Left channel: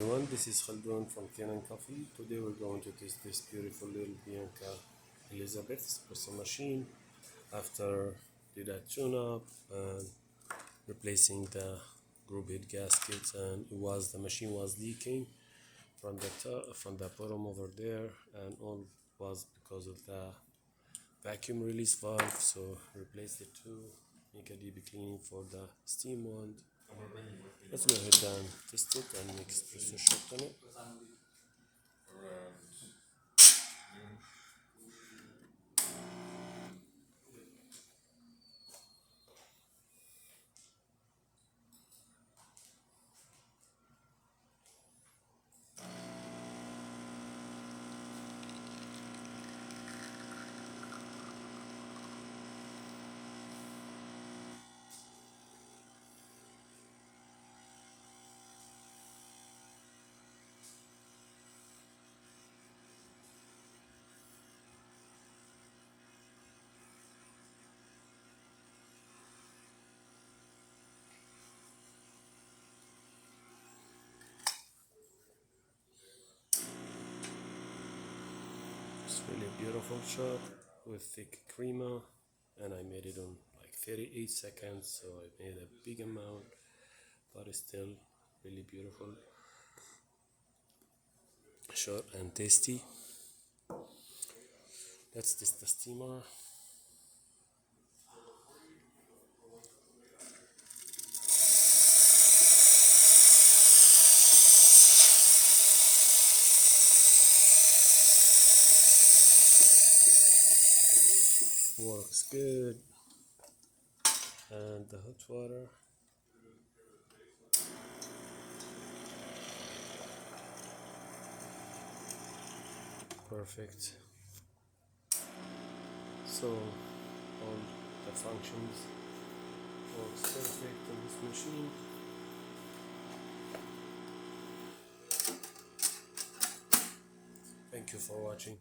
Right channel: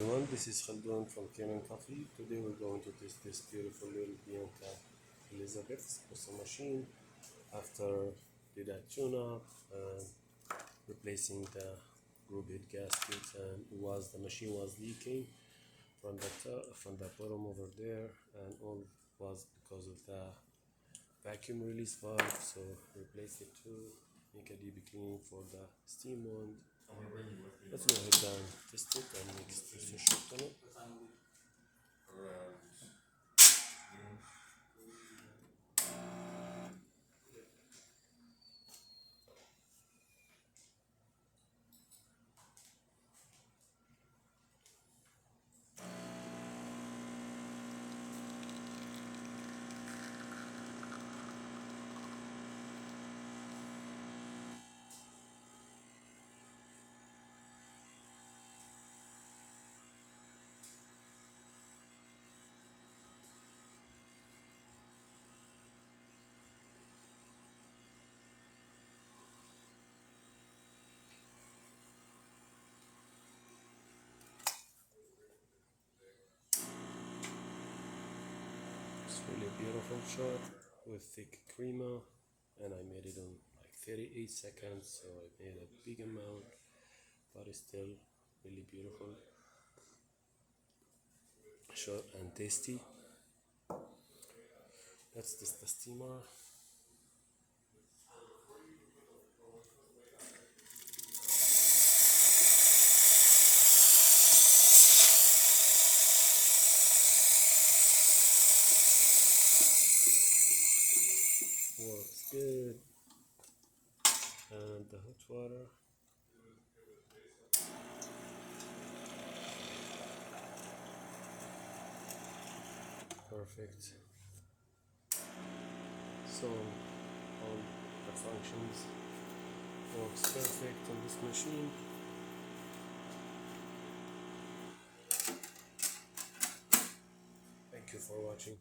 Everyone, this is Khaldun from Kanen Coffee. Today we're going to test this beautiful little Bianca Elizabeth's custom machine after did a tune-up and replacing the group head gaskets, and the machine was leaking from the top, from the bottom over there, and all was because of the vacuum release valve. So replace it to make a deep cleaning for the steam wand. Let's go ahead and test it and make espresso shot on it. It's really beautiful shot with thick crema, and I made it on like 38 seconds, so I made a big amount, but it's still really beautiful shot and tasty. Let's test the steamer. Works good. And the hot water. Perfect. So all the functions works perfect on this machine. Thank you for watching.